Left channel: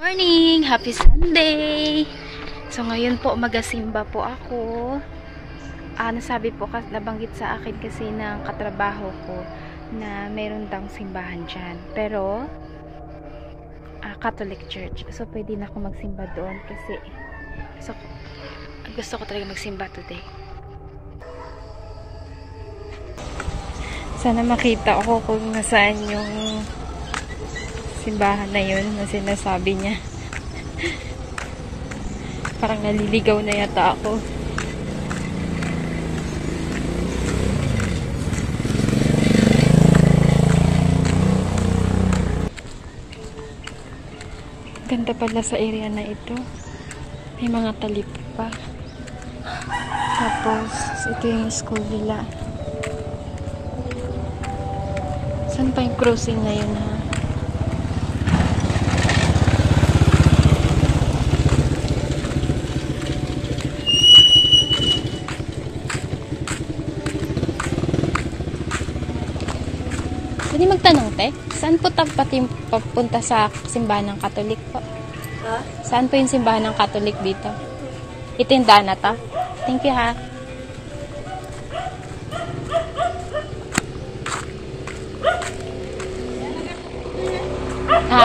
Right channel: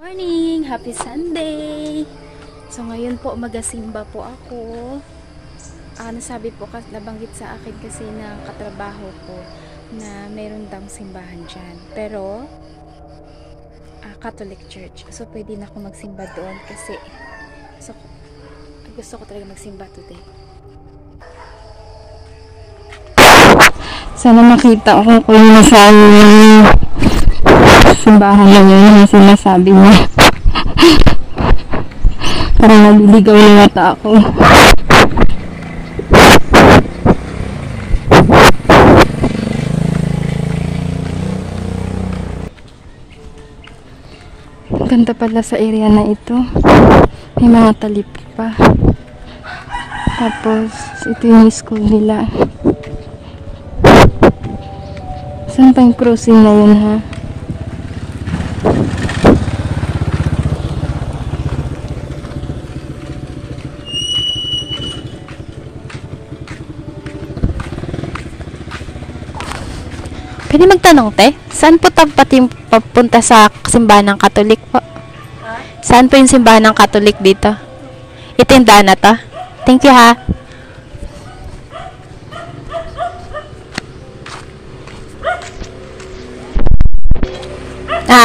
Morning! Happy Sunday! So ngayon po magasimba po ako. Nasabi po, nabanggit sa akin kasi ng katrabaho ko na mayroon daw simbahan dyan. Pero Catholic Church. So pwede na ako magsimba doon kasi gusto ko talaga magsimba today. Sana makita ko kung nasaan simbahan na yun yung sinasabi niya. Parang naliligaw na yata ako. Ganda pala sa area na ito. May mga talip pa. Tapos ito yung school nila. Saan pa yung crossing na yun, ha? Pwede magtanong, te? Saan po papunta sa simbahan ng Katolik po? Huh? Saan po yung simbahan ng Katolik dito? Ito yung daan na to? Thank you, ha?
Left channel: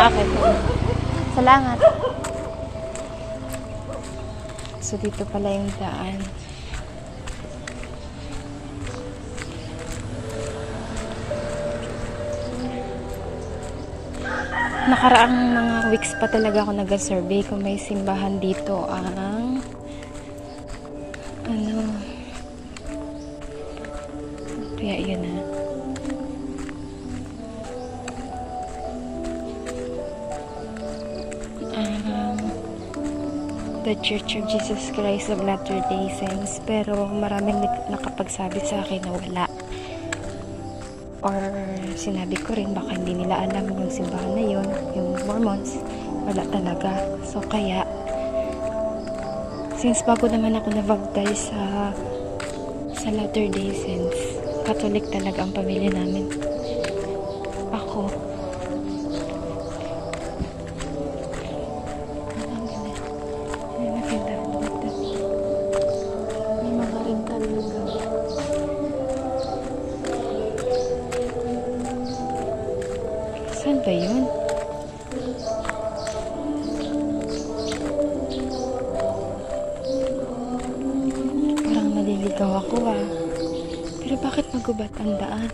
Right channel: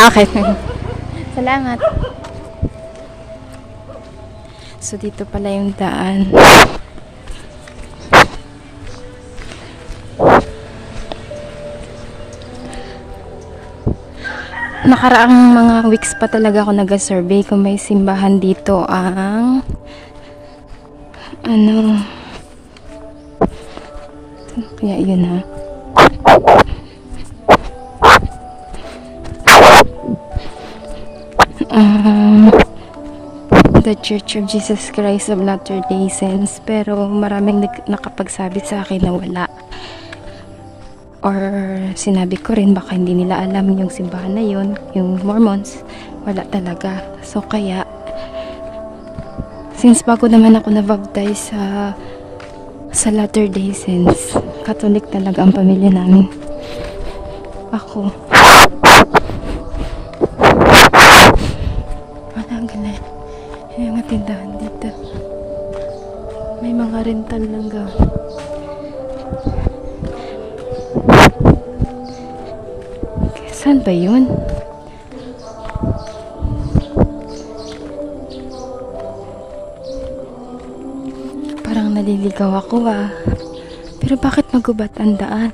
Okay. Salamat. So, dito pala yung daan. Nakaraang mga weeks pa talaga ako nag-survey kung may simbahan dito ang kaya yun, ha. The Church of Jesus Christ of Latter-day Saints, pero maraming nakapagsabi sa akin na wala. Or sinabi ko rin baka hindi nila alam yung simbahan na yun, yung Mormons, wala talaga. So kaya since bago naman ako na-baptize sa Latter-day Saints, Catholic talaga ang pamilya namin. Ako may mga tindahan dito, may mga rental ng gamit. Saan ba yun? Parang naliligaw ako, ah. Pero bakit magubat ang daan?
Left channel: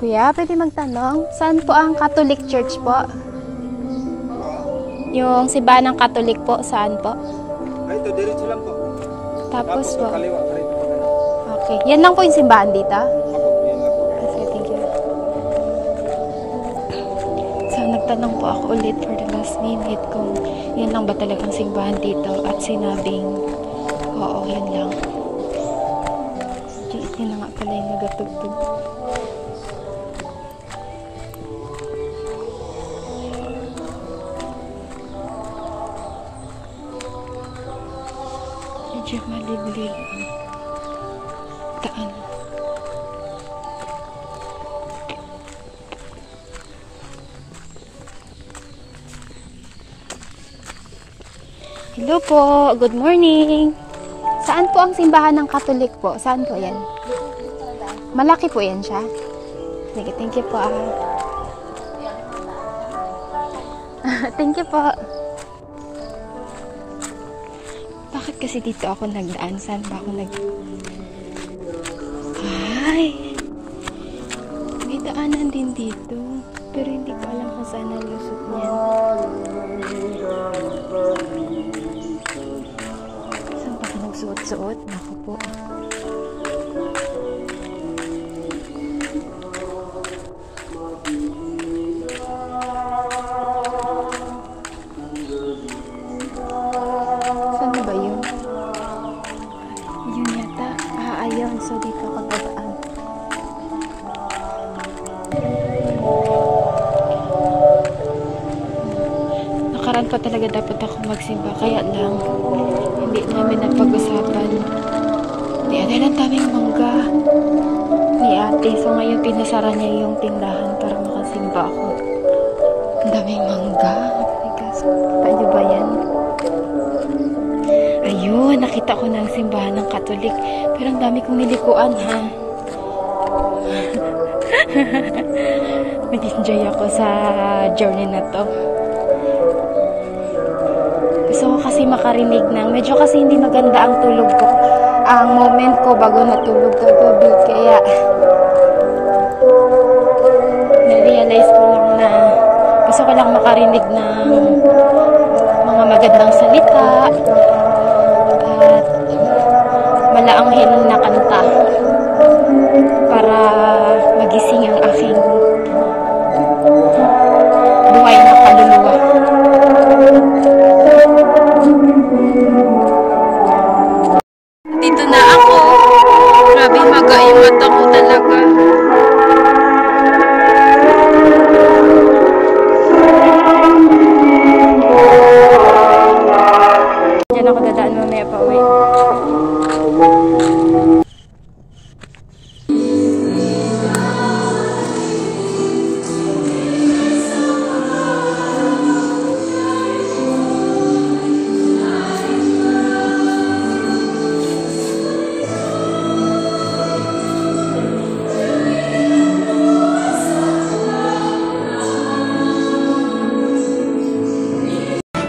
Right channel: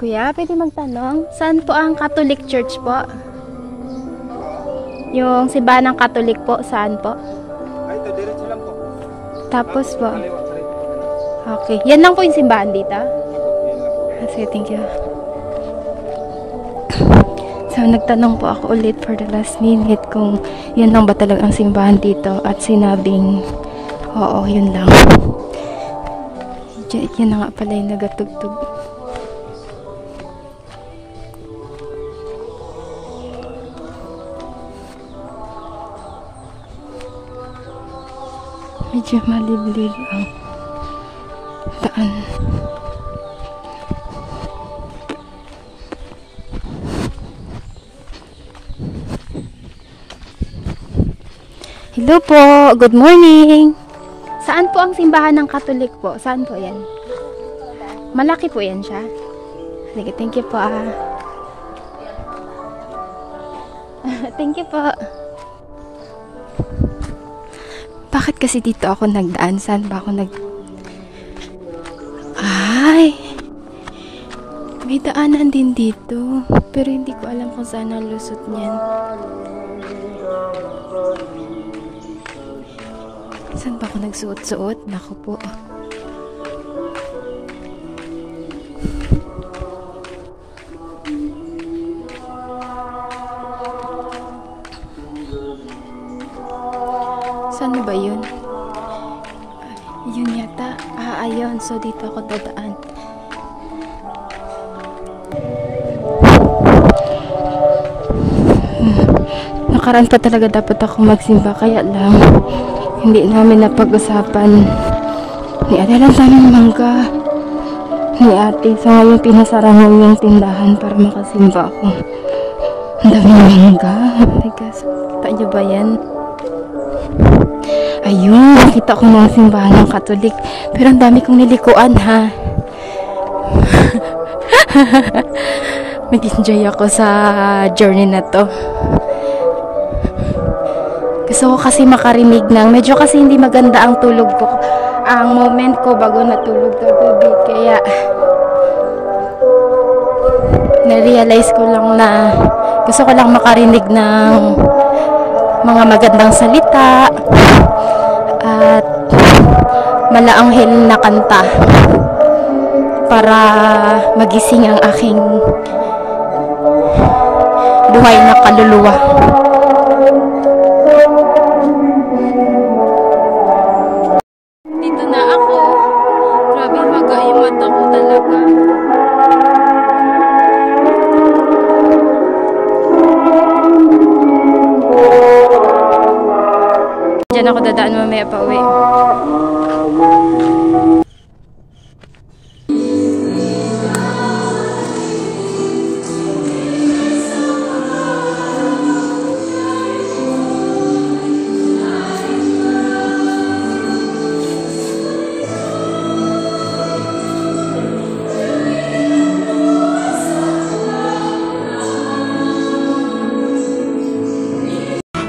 Kuya, pwede magtanong? Saan po ang Catholic Church po? Yung simbahan ng Catholic po, saan po? Ay, ito, diretso lang po. Tapos po. Kaliwa, Okay. Yan lang po yung simbahan dito? Sige, thank you. So, nagtanong po ako ulit for the last minute kung yan lang ba talaga ang simbahan dito at sinabing oo, yun lang. Yan na nga pala yung nagatugtog. Medyo maliblib ang daan. Hello po, good morning. Saan po ang simbahan ng Katolik po? Saan po yan? Malaki po yan siya? Sige, thank you po. Thank you po. Bakit kasi dito ako nagdaan? Saan ba ako Ay! May daanan din dito. Pero hindi ko alam kung saan ang lusot niyan. Saan ba ako nagsuot-suot? Naku po. Saan ba yun? Yun yata. Ayun. So, dito ako dadaan. Nakaraan pa talaga dapat ako magsimba. Kaya lang, hindi namin napag-usapan. Hindi lang sa amin mangga. ni ate. So ngayon pinasara namin yung tindahan para makasimba ako. Ang daming mangga. Oh my gosh. Kita niyo ba yan? Ayun, nakita ko mga simbahan ng Katolik. Pero ang dami kong nilikuan, ha? Nag-enjoy ako sa journey na to. Gusto ko kasi makarinig ng, medyo kasi hindi maganda ang tulog ko. Ang moment ko bago natulog ko gabi. Kaya, na-realize ko lang na gusto ko lang makarinig ng mga magandang salita at malaanghel na kanta para magising ang aking buhay na kaluluwa. Dito na ako. Grabe, maga yung mata ko talaga. Diyan ako dadaan mamaya pa uwi.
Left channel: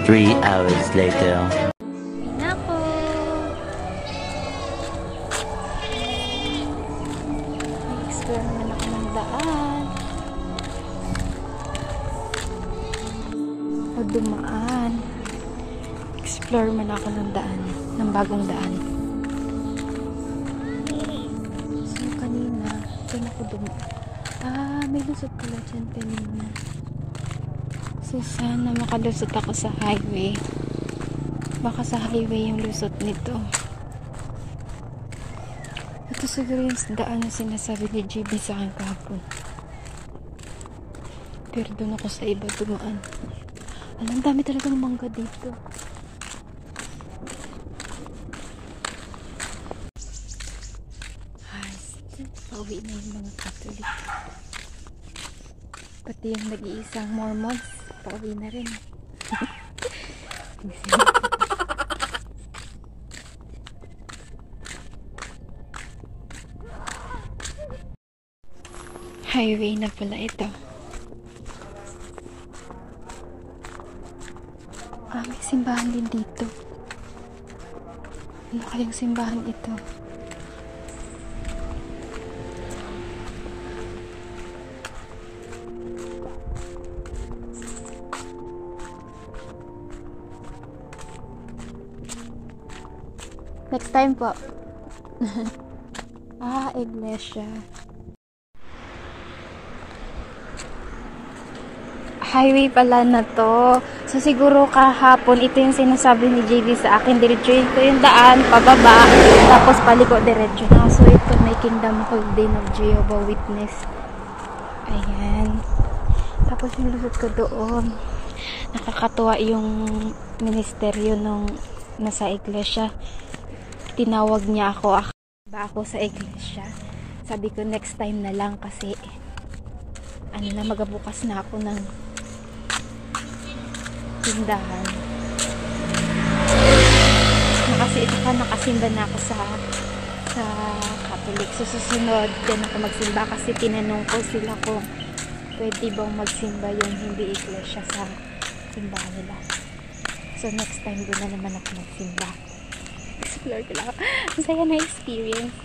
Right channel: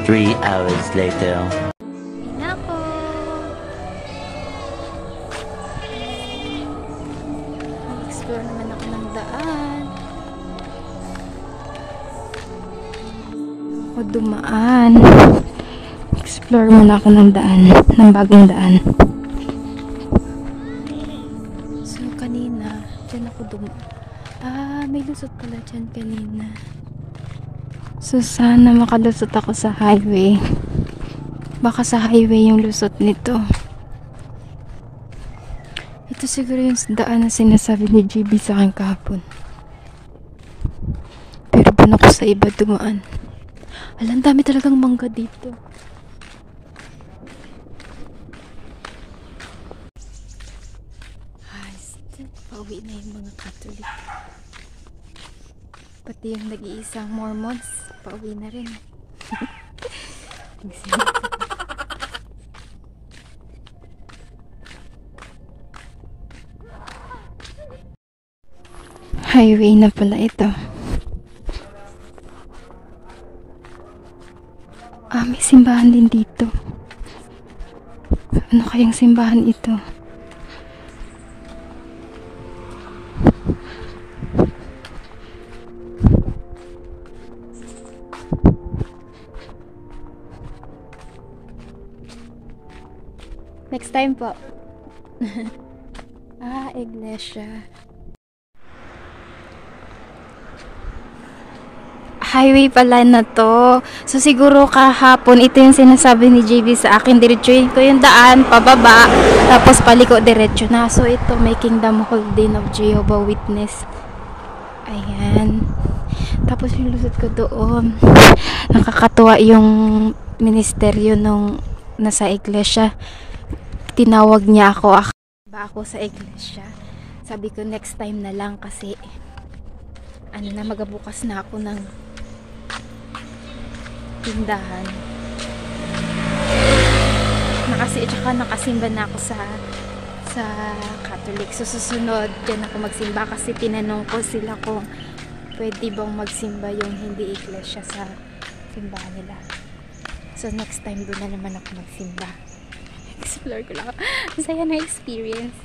Three hours later. Nako. Explore naman ako ng daan. O dumaan. Explore muna ako ng daan. Ng bagong daan. So kanina, doon ako dumaan. May lusot pala dyan kanina. So sana makalusot ako sa highway. Baka sa highway yung lusot nito. Ito siguro yung daan na sinasabi ni GB sa akin kahapon. Pero doon ako sa iba dumaan. Alam, dami talagang mangga dito. Ay, pauwi na yung mga Catholic. Pati yung nag-iisang Mormons, pauwi na rin. Highway na pala ito. May simbahan din dito. Ano kayang simbahan ito? Next time po. Iglesia. Highway pala na to. So siguro kahapon, ito yung sinasabi ni JB sa akin. Diretsuhin ko yung daan, pababa, tapos paliko diretso na. So ito, may Kingdom Hall din of Jehovah Witness. Ayan. Tapos yung lusot ko doon. Nakakatuwa yung ministeryo nung nasa iglesia. Tinawag niya ako sa iglesia. Sabi ko next time na lang kasi magabukas na ako ng tindahan. Nakasimba na ako sa Catholic. So susunod din ako magsimba kasi tinanong ko sila kung pwede bang magsimba yung hindi iglesia sa simbahan nila. So next time doon na naman ako magsimba. Explore ko lang. Masaya na experience.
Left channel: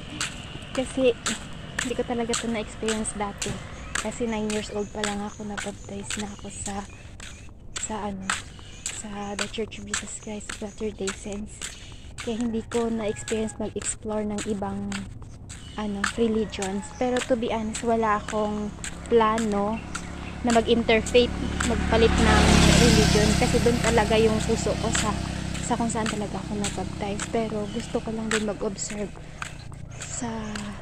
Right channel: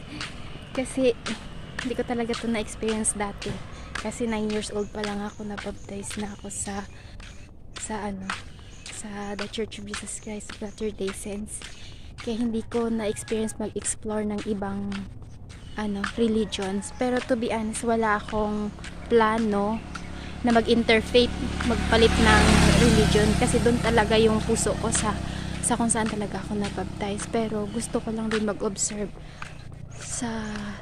Kasi hindi ko talaga ito na-experience dati. Kasi 9 years old pa lang ako, na-baptize na ako sa The Church of Jesus Christ of Latter-day Saints. Kaya hindi ko na-experience mag-explore ng ibang religions. Pero to be honest, wala akong plano na mag-interfaith, magpalit ng religion. Kasi doon talaga yung puso ko sa kung saan talaga ako na-baptize. Pero gusto ko lang din mag-observe sa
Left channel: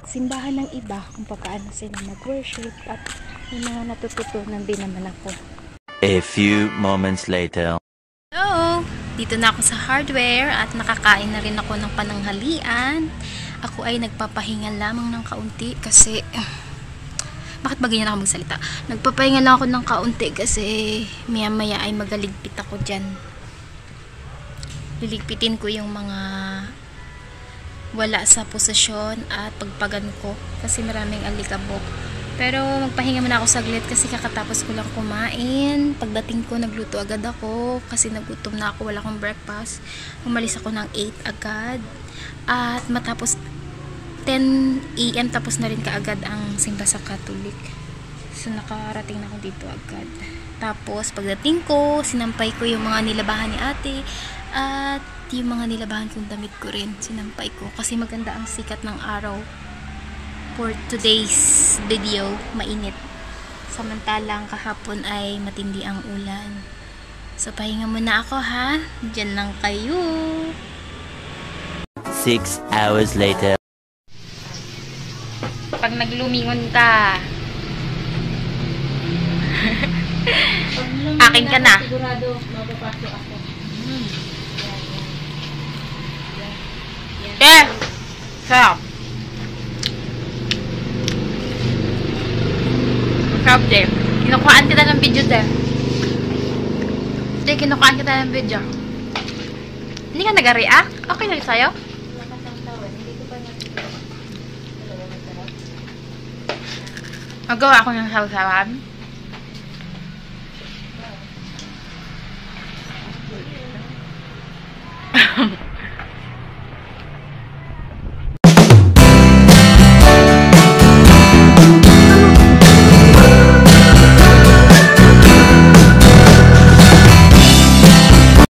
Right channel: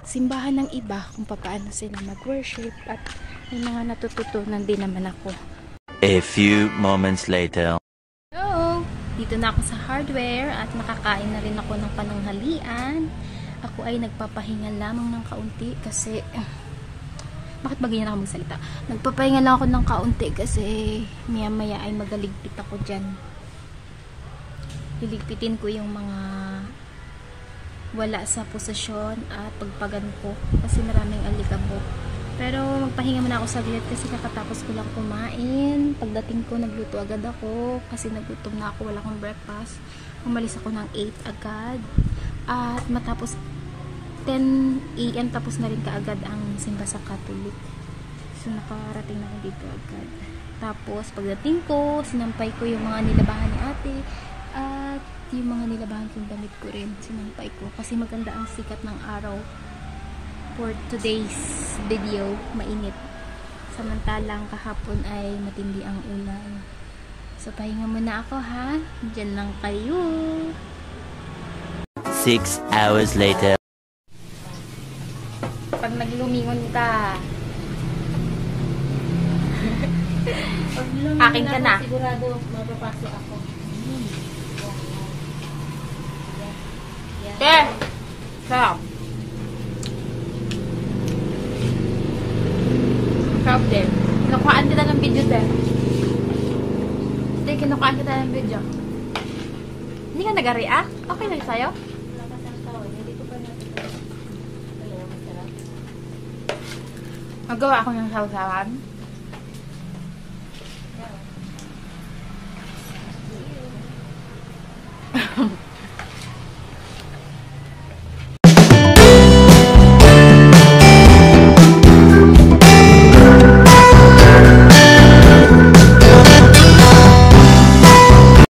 simbahan ng iba kung paano sila mag-worship at may mga natututunan din naman ako. A few moments later. So, dito na ako sa hardware at nakakain na rin ako ng pananghalian. Ako ay nagpapahinga lamang ng kaunti kasi Bakit ba ganyan ako magsalita? Nagpapahinga lang ako ng kaunti kasi maya-maya ay magaligpit ako dyan. Liligpitin ko yung mga wala sa posisyon at pagpagan ko kasi maraming alikabok. Pero magpahinga muna ako saglit kasi kakatapos ko lang kumain. Pagdating ko, nagluto agad ako kasi nagutom na ako, wala akong breakfast. Umalis ako ng 8 agad. At matapos 10 AM tapos na rin kaagad ang simba sa Catholic. So nakarating na ako dito agad. Tapos pagdating ko, sinampay ko yung mga nilabahan ni ate at yung mga nilabahan kong damit ko rin, sinampay ko kasi maganda ang sikat ng araw. For today's video, mainit. Samantalang kahapon ay matindi ang ulan. So pahinga muna ako ha. Diyan lang kayo. 6 hours later. Pag naglumingon ka, akin ka na. Sigurado mapapasok ako. Sarap. Sarap din. Kinukuhaan kita ng video din. Hindi, kinukuhaan kita ng video. Hindi ka nag-react? Okay lang sa'yo? Magawa ako ng sausawan.